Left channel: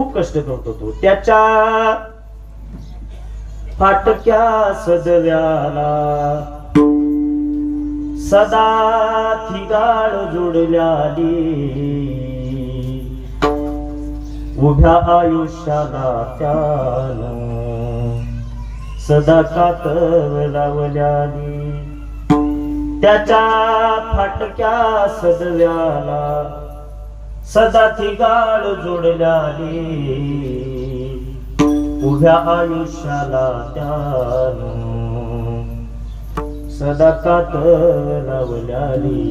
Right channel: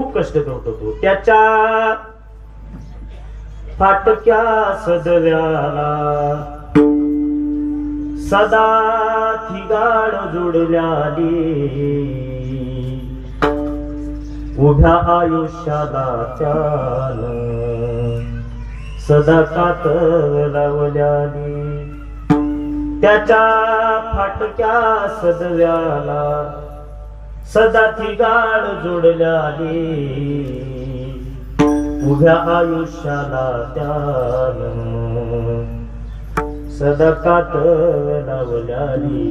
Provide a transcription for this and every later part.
खूप कष्ट करतो तो त्याच्या फाटक्या सदव्याला सदा थिगाड जोडल्याली उभ्या आयुष्याला त्यानं सदा कातर लावल्याली त्याच्या फाटक्या सदव्याला सदा थिगाड जोडल्याली उभ्या आयुष्याला त्यानं सदा कातर लावल्याली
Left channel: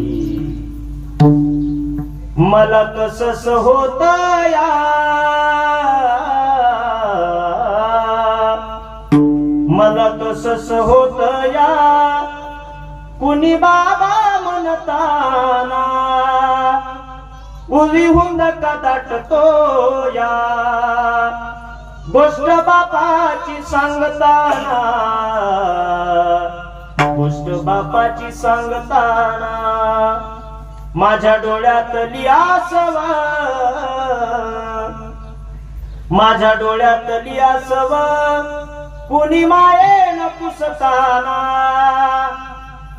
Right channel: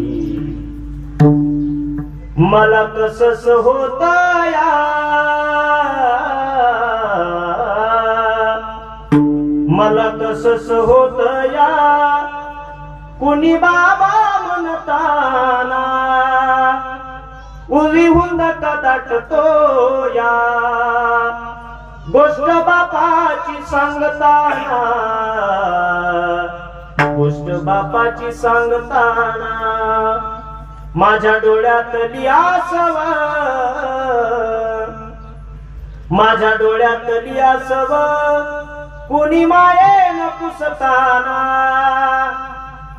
मला कसं होत या मला कसं होत या कुणी बाबा म्हणताना उली हुंद का दाटतो या गोष्ट बापाची सांगताना गोष्ट बापाची सांगताना माझ्या डोळ्यातली आसव माझ्या डोळ्यातली आसव कुणी मायेन पुसताना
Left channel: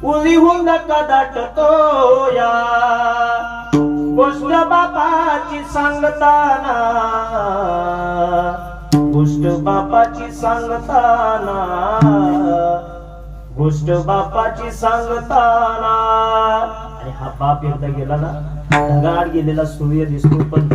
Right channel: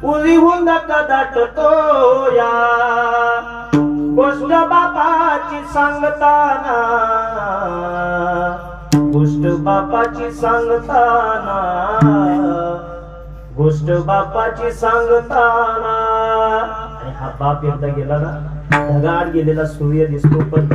उली हुंद का दाटतो या गोष्ट बापाची सांगताना गोष्ट बापाची सांगताना गोष्ट बापाची सांगताना आणि हा बाप एकदा गेला ना ढगाळ गेलेला सूर्य दिसतो पण